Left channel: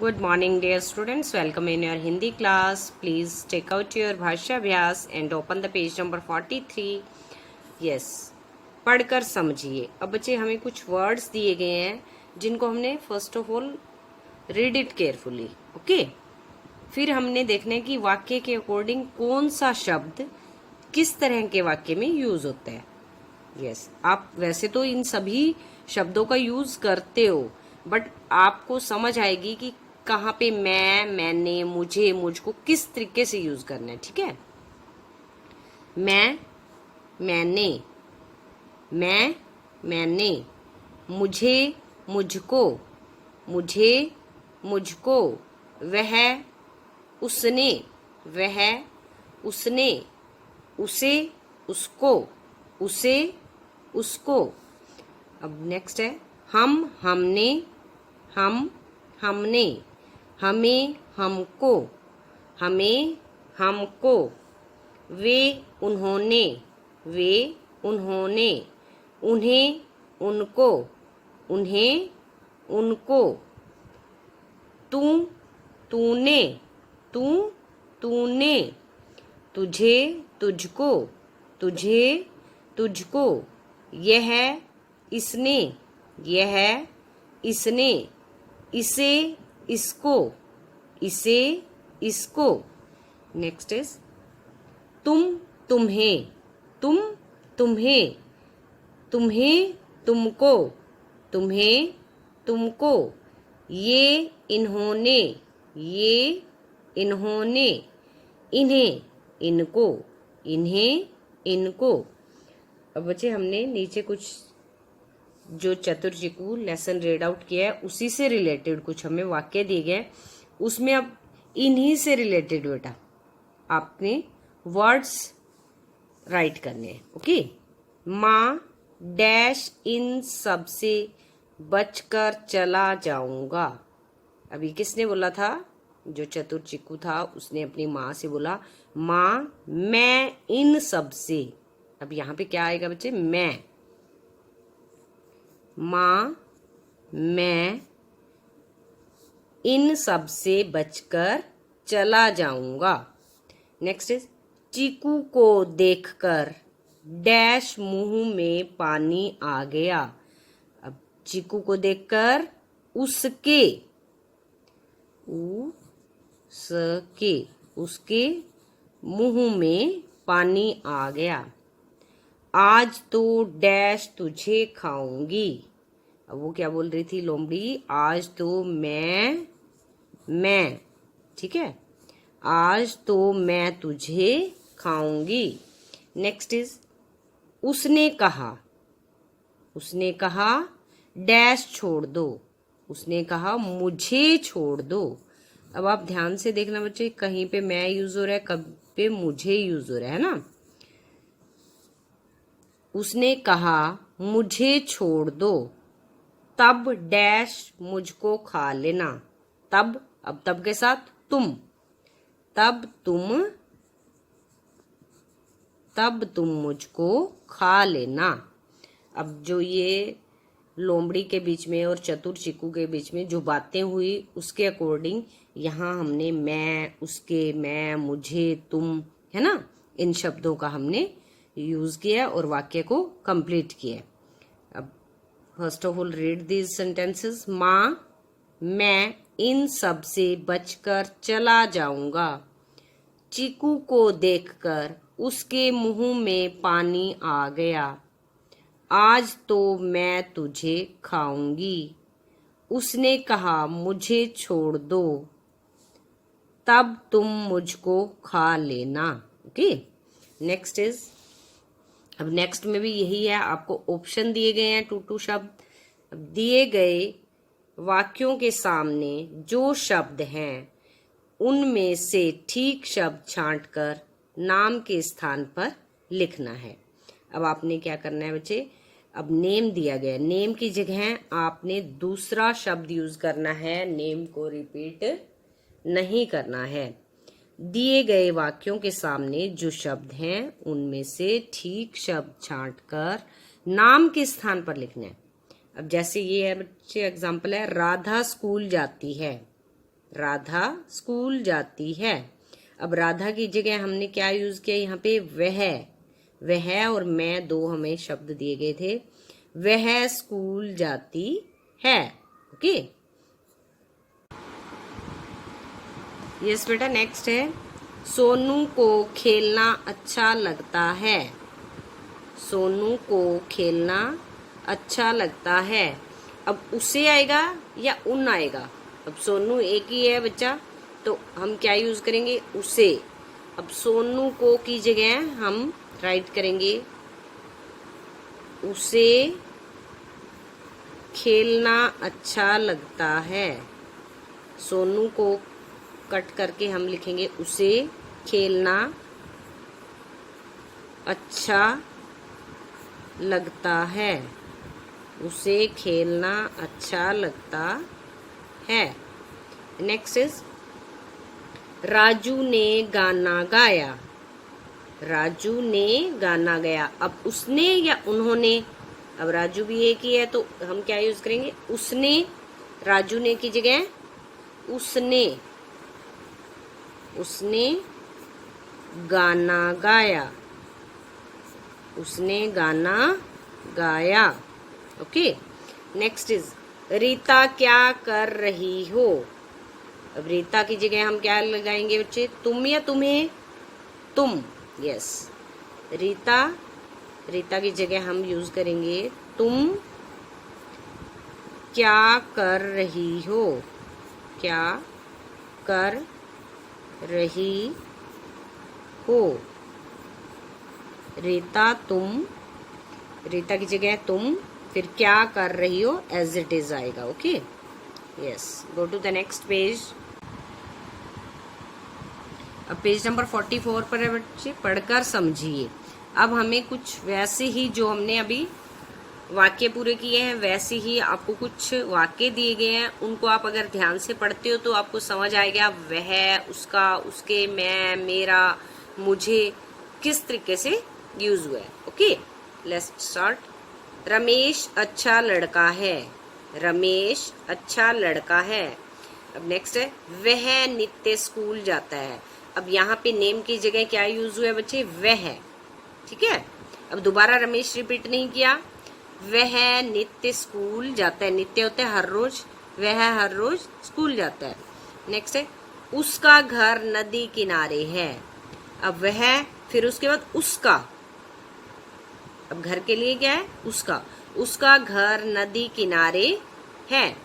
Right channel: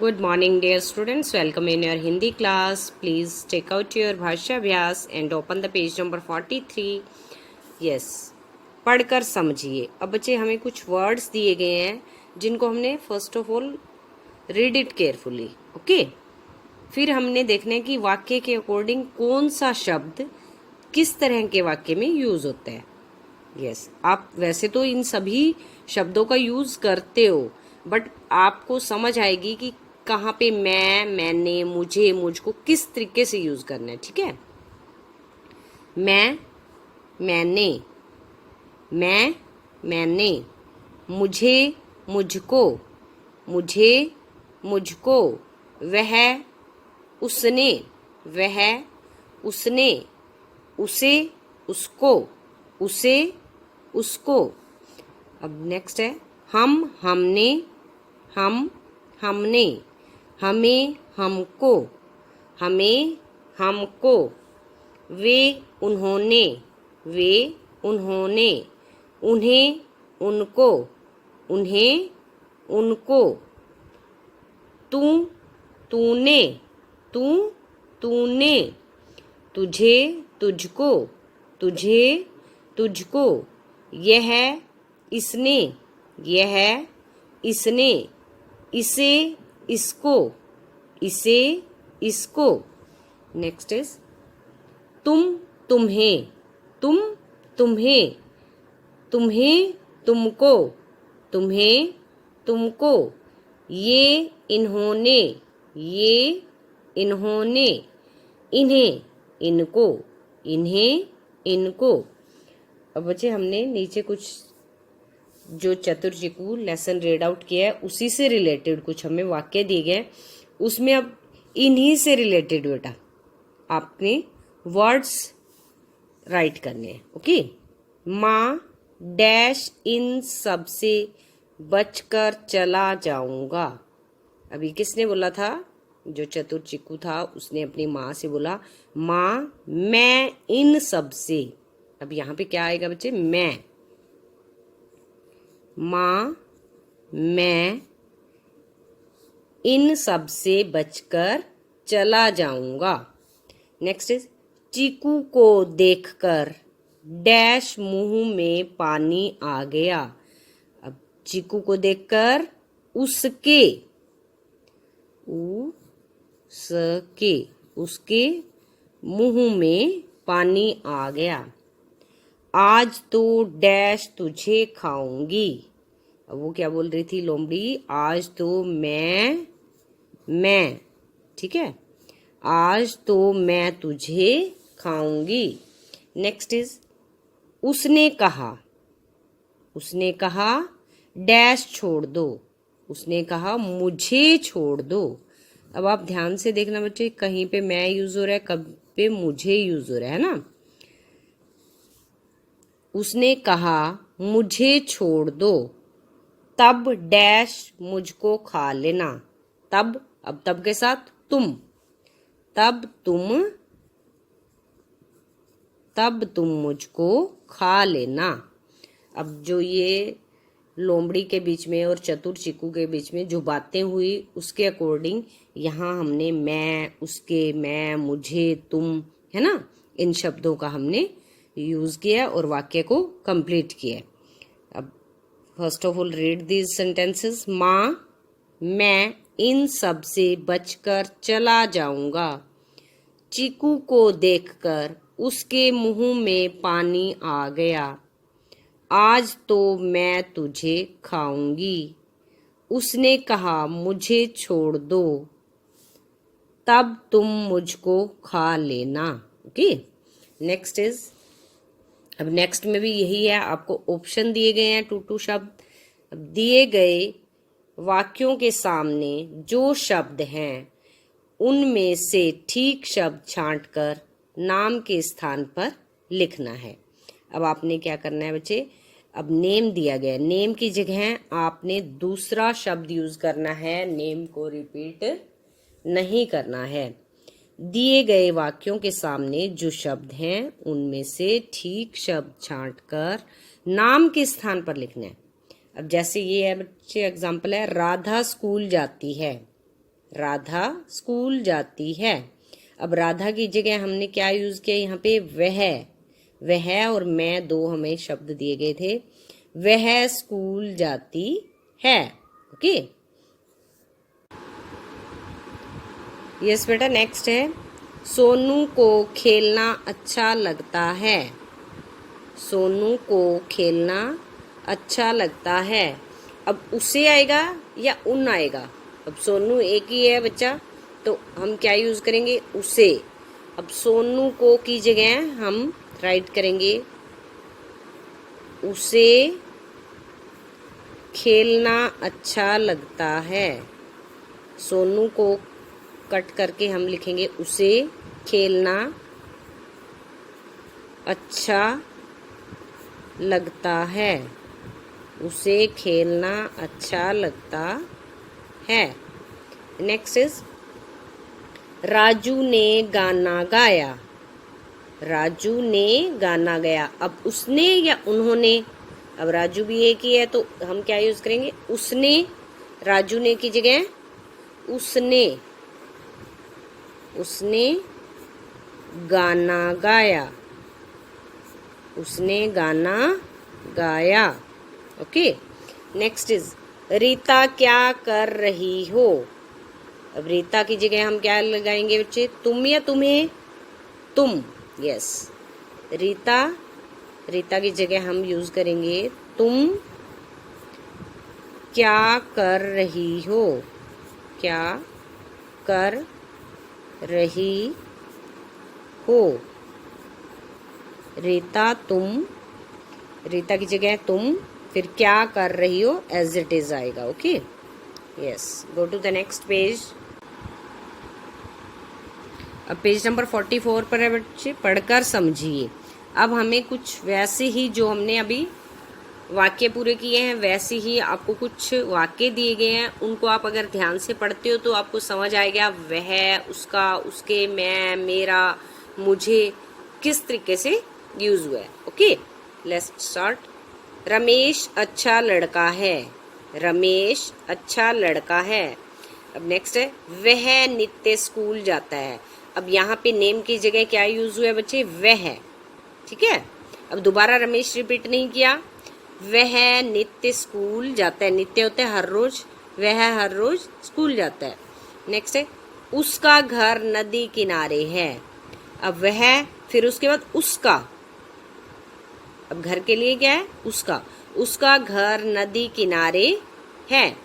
Good morning, dear students. Welcome in your Hindi class. Please take out your भाषा अभ्यास and open the page number 43. Yes, पढ़कर समझिए. अब बच्चे हमें कुछ वर्ड्स दिए गए हैं जिनको हमने first of all read it carefully. Okay, फिर हमने देखना है कि वाक्य के अकॉर्डिंग कौन सा शब्द किस तरह के वाक्य में यूज होता है. यस, आप वैसे तो इन सभी शब्दों का यूज करते हो, बट आपको समझ आएगी कि कहाँ पे मैं, मैंने, मुझे, मुझको किस तरीके से यूज करना है. ठीक है, मैं, मैंने, मैं, मैंने, मुझे, मुझको, मुझे, मुझको, वह, उसने, वह, उसने, उसे, उसको, उसे, उसको. अब नेक्स्ट है हम, हमने, हम, हमने, हमें, हमको, हमें, हमको, वे, उन्होंने, वे, उन्होंने, उन्हें, उनको, उन्हें, उनको, तू, तूने, तू, तूने, तुझे, तुझको, तुझे, तुझको, यह, इसने, यह, इसने, इसे, इसको, इसे, इसको. नेक्स्ट इज तुम, तुम्हें, तुम, तुम्हें, तुम्हें, तुमको, तुम्हें, तुमको, ये, इन्होंने, ये, इन्होंने, इन्हें, इनको, इन्हें, इनको. अब बच्चे हमने नीचे कुछ जो चतुर्चिकू लेसन रीड आउट किया है उसी से रिलेटेड कुछ हमें वाक्य दिए गए, उसमें अब इन्हीं से रिलेटेड बेटा आपने वर्ड्स राइट करने हैं. ओके, माँ डैश इन सब से बचकर चला जाऊंगा. अभी किसने बोला था? जो चतुर्चिकू था उसने अपनी माँ से बोला, माँ मैं इन सब से. अब यहाँ पे क्या आएगा बच्चे? मैं. माँ मैं इन सब से बचकर चला जाऊंगा. नेक्स्ट इज चीकू को देखकर डैश मुंह में पानी आ गया. अब चीकू को देखकर उसके, उसके मुंह में पानी आ गया. आज तो डैश तुझे खाऊंगी. अब वो क्या बोल रही थी लोमड़ी? आज तो मैं, ठीक है, आज तो मैं तुझे खाऊंगी. नेक्स्ट इज उसने कहा, उसने कहा डैश छोड़ दो. उसने कहा मुझे छोड़ दो. अब आप ध्यान से देखना बच्चे, कहीं पे मैं यूज हो रहा है, कहीं पे मुझे यूज हो रहा है ना. उसने कहा मुझे छोड़ दो, तब डैश मुझको खा लेना. तब, अब तब के साथ तुम, तब तुम मुझको खा लेना. अब जो ये लोमड़ी के बीच में और चतुर चिकू के बीच में जो बातें हुई उसके अकॉर्डिंग यहाँ हमने मैं, उसके, मैं, मुझे, तुम, है ना, इन शब्दों का हमने यूज किया और वाक्य को कंप्लीट किया. अब first of all read these sentences. माँ मैं इन सब से बचकर चला जाऊंगा. चीकू को देखकर उसके मुंह में पानी आ गया. आज तो मैं तुझे खाऊंगी. उसने कहा मुझे छोड़ दो, तब तुम मुझको खा लेना. ओके, नेक्स्ट इज, अब नेक्स्ट में भी यही है, आपको ऑप्शन दिए गए हैं टू शब्द. अब दिए गए वाक्यों के सामने जो शब्द हैं उनमें से ठीक शब्द छांटकर नाम के स्थान पर लिखना है. अब आपने क्या करना है बच्चे? अब नेम दिया गया, नेम की जगह आपने दूसरा शब्द यूज करना है, नेम को रिपीट नहीं करना है. दिए गए वाक्यों के सामने जो शब्द हैं उनमें से ठीक शब्द छांटकर नाम के स्थान पर लिखना है. अब जैसे ये है बच्चे एग्जाम्पल है, राधा स्कूल जाती है. राधा स्कूल जाती है। अब राधा की जगह हमने क्या यूज किया यहाँ पे, वह और मैं, दो हमें शब्द दिए गए थे। वह स्कूल जाती है। ओके, यस बेटा। नेक्स्ट है, सोनू को खेलना अच्छा लगता है। सोनू को खेलना अच्छा लगता है। अब उसे आएगा या उन आएगा? अब सोनू एक ही है बच्चा, तो हम क्या यूज करेंगे, उसे। अब सोनू को की जगह हम राइट करेंगे उसे खेलना अच्छा लगता है। सोनू को कट करके हम लिखेंगे उसे खेलना अच्छा लगता है। उसे खेलना अच्छा लगता है। नेक्स्ट इज, राजू ने गाना गाया। राजू ने गाना गाया। अब उसने या उन्होंने? अब राजू भी एक ही है, तो हम क्या यूज करेंगे, उसने। राजू ने की जगह उसने। उसने गाना गाया। उसने गाना गाया। ओके, नेक्स्ट इज, रीता क्या कर रही हो? अब रीता की जगह हम क्या लगाएंगे बच्चे, तुम या तुम्हें? तुम, यस। रीता, रीता की जगह हम यूज करेंगे तुम क्या कर रही हो। क्या कर रही हो। रीता तुम, रीता की जगह तुम, फिर क्या कर रही हो एज इट इज आएगा। Okay, yes. Go to the next page. अब पेज नंबर 44 पर है बच्चे, पढ़कर समझिए। अब हमें कुछ वैसे ही जो हमने अभी वाक्य पूरे किए हैं, वैसे ही आपको कुछ वाक्य दिए गए हैं, उनको आप अगर ध्यान से पढ़ते हो तो आपको समझ आएगा वह, उसका, उसके, मैं, मेरा, मुझे किस तरीके से यूज हुआ है। Okay, let's start. रमेश अच्छा लड़का है। रमेश अच्छा लड़का है। अब नेक्स्ट है, वह नित्य स्कूल जाता है। अब यहाँ पे नेम की जगह क्या यूज हुआ है बच्चे, वह। ठीक है, अब दोबारा रमेश रिपीट नहीं किया। वह नित्य स्कूल जाता है। नित्य होता है हर रोज, वह हर रोज स्कूल जाता है। नेक्स्ट है, उसका घर नदी किनारे है। अब वह, फिर उसके बाद उसका। अब घर के लिए क्या है, उसका। उसका घर नदी किनारे है।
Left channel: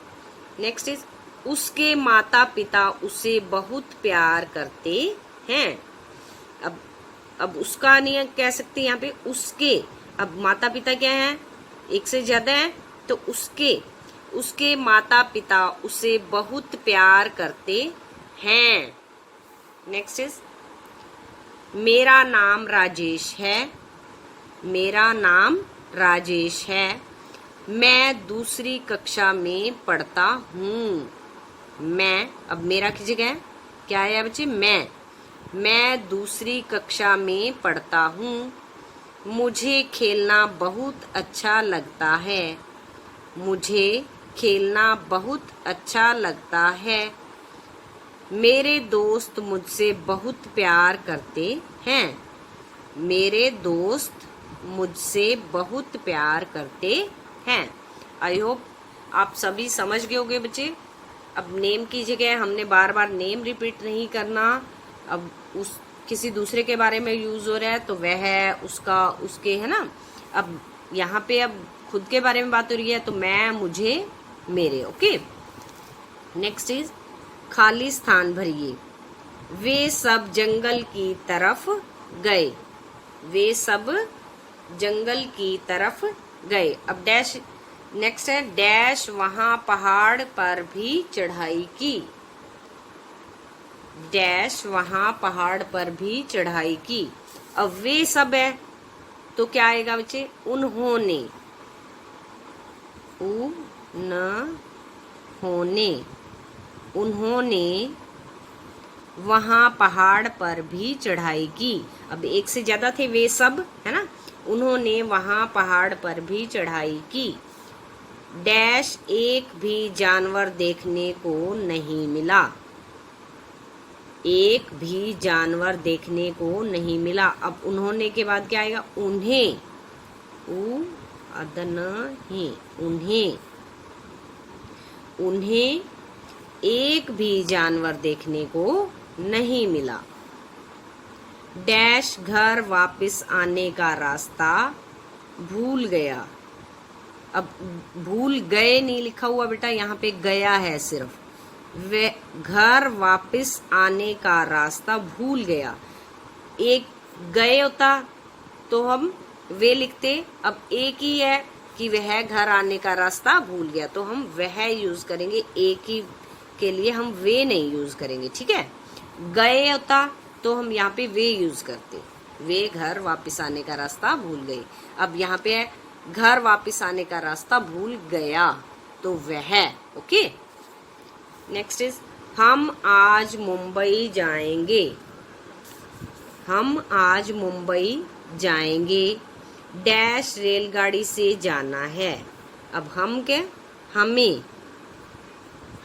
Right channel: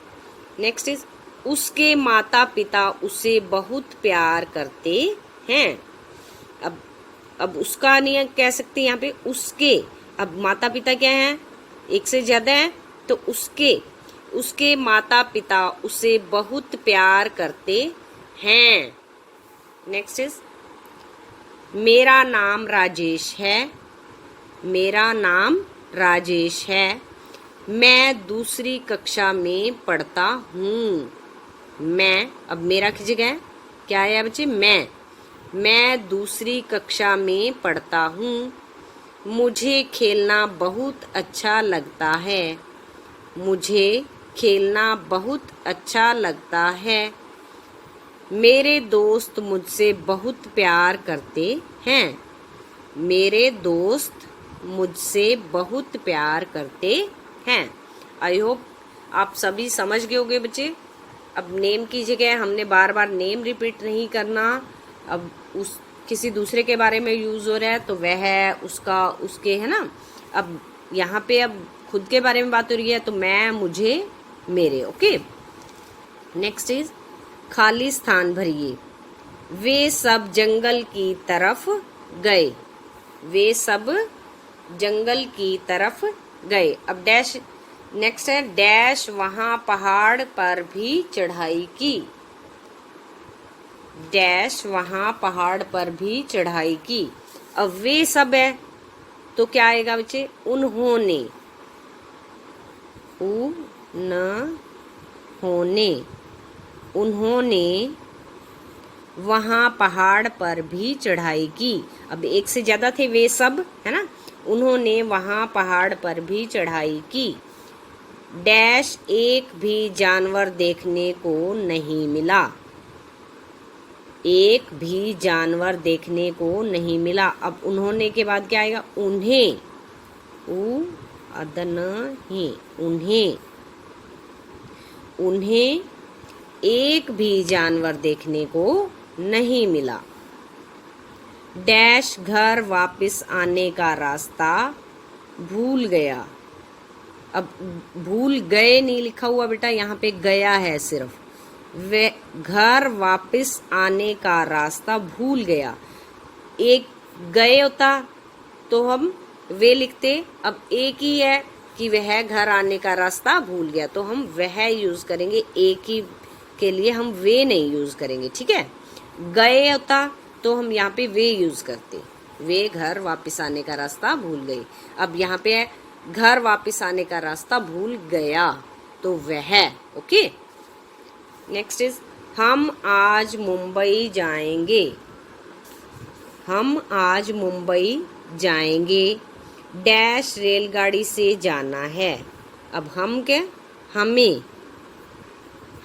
नेक्स्ट इज, उसके माता पिता उसे बहुत प्यार करते हैं। अब उसका नहीं कह सकते यहाँ पे, उसके। अब माता पिता क्या है, एक से ज्यादा है, तो उसके। उसके माता पिता उसे बहुत प्यार करते हैं। नेक्स्ट इज, मेरा नाम राजेश है। मेरा नाम राजेश है। मैं दूसरी कक्षा में पढ़ता हूँ। मैं, अब मेरा की जगह क्या है बच्चे, मैं दूसरी कक्षा में पढ़ता हूँ। मुझे खेलना बहुत अच्छा लगता है। मुझे खेलना बहुत अच्छा लगता है। मेरे दोस्त मुझसे बहुत प्यार करते हैं। मेरे दोस्त मुझसे बहुत प्यार करते हैं। आई होप आप सभी समझ गए होंगे बच्चे। अब नेम की जगह हमने बार बार नेम रिपीट नहीं करना। अब उस किसी दूसरे के बारे में यूज हो रहा है तो वह, उसका, उसके, है ना। अब यहाँ पे अब खुद के बारे में बात हो रही है तो मैं, मुझे, मेरे। ओके, नेक्स्ट इज, खाली स्थान भरिए। वे सब जंगल की तरफ गए। वे सब जंगल की तरफ गए। अब डैश, नेक्स्ट है, डैश वहां पहाड़ पर भी चढ़ाई की। डैश वहां पहाड़ पर भी चढ़ाई की। अब वे सब है तो क्या आएगा बच्चे, उन्होंने। उन्होंने वहां पहाड़ पर भी चढ़ाई की। अब एक से ज्यादा थे वे सब, है ना। उन्होंने वहां पहाड़ पर भी चढ़ाई की। डैश एक भी जानवर देखने को नहीं मिला। एक भी जानवर देखने को नहीं मिला। अब उन्होंने के बाद क्या आएगा? उन्हें, उन्हें एक भी जानवर देखने को नहीं मिला। डैश घर वापस आने का रास्ता भूल गया। अब भूल गए नहीं लिखा हुआ बेटा, यहाँ पे गया है सिर्फ। वे घर वापस आने का रास्ता भूल गया। एक गए होता तो हम वे लिखते, अब एक ही है कि वह घर आने का रास्ता भूल गया, तो हम वह यूज करेंगे। एक ही के लिए हम वे नहीं यूज करेंगे, ठीक है। गए होता तो हम यहाँ पे वे यूज करते, वे घर वापस आने का रास्ता भूल गए। अब यहाँ पे है घर वापस आने का रास्ता भूल गया, तो वह। ओके, नेक्स्ट इज हम आज मुंबई जाएंगे। हम आज मुंबई जाएंगे। डैश रेलगाड़ी से जाना है। अब हम क्या?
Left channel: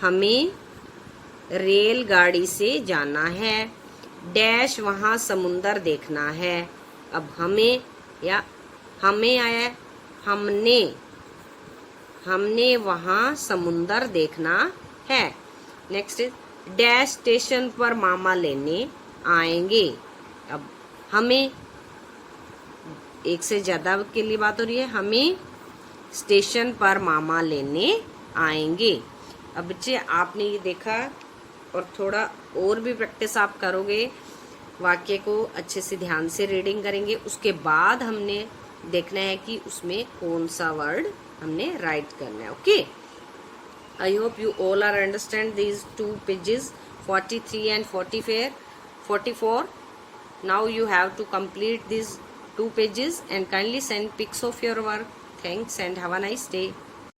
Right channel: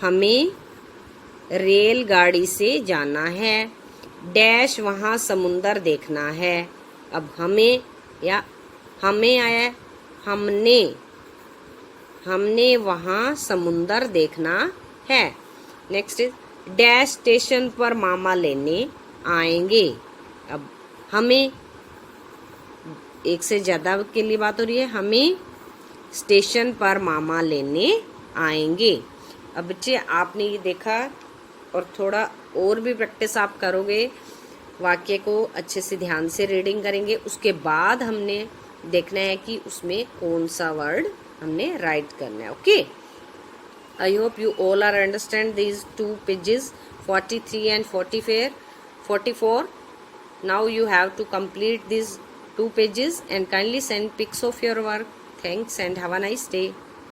हमें रेलगाड़ी से जाना है। डैश वहाँ समुंदर देखना है। अब हमें आया, हमने वहाँ समुंदर देखना है। नेक्स्ट इज डैश स्टेशन पर मामा लेने आएंगे। अब हमें, एक से ज्यादा के लिए बात हो रही है, हमें स्टेशन पर मामा लेने आएंगे। अब बच्चे आपने ये देखा, और थोड़ा और भी प्रैक्टिस आप करोगे, वाक्य को अच्छे से ध्यान से रीडिंग करेंगे, उसके बाद हमने देखना है कि उसमें कौन सा वर्ड हमने राइट करना है। Okay, I hope you all are understand these 2 pages 43 and 44. Now you have to complete these 2 pages and kindly send pics of your work. Thanks and have a nice day.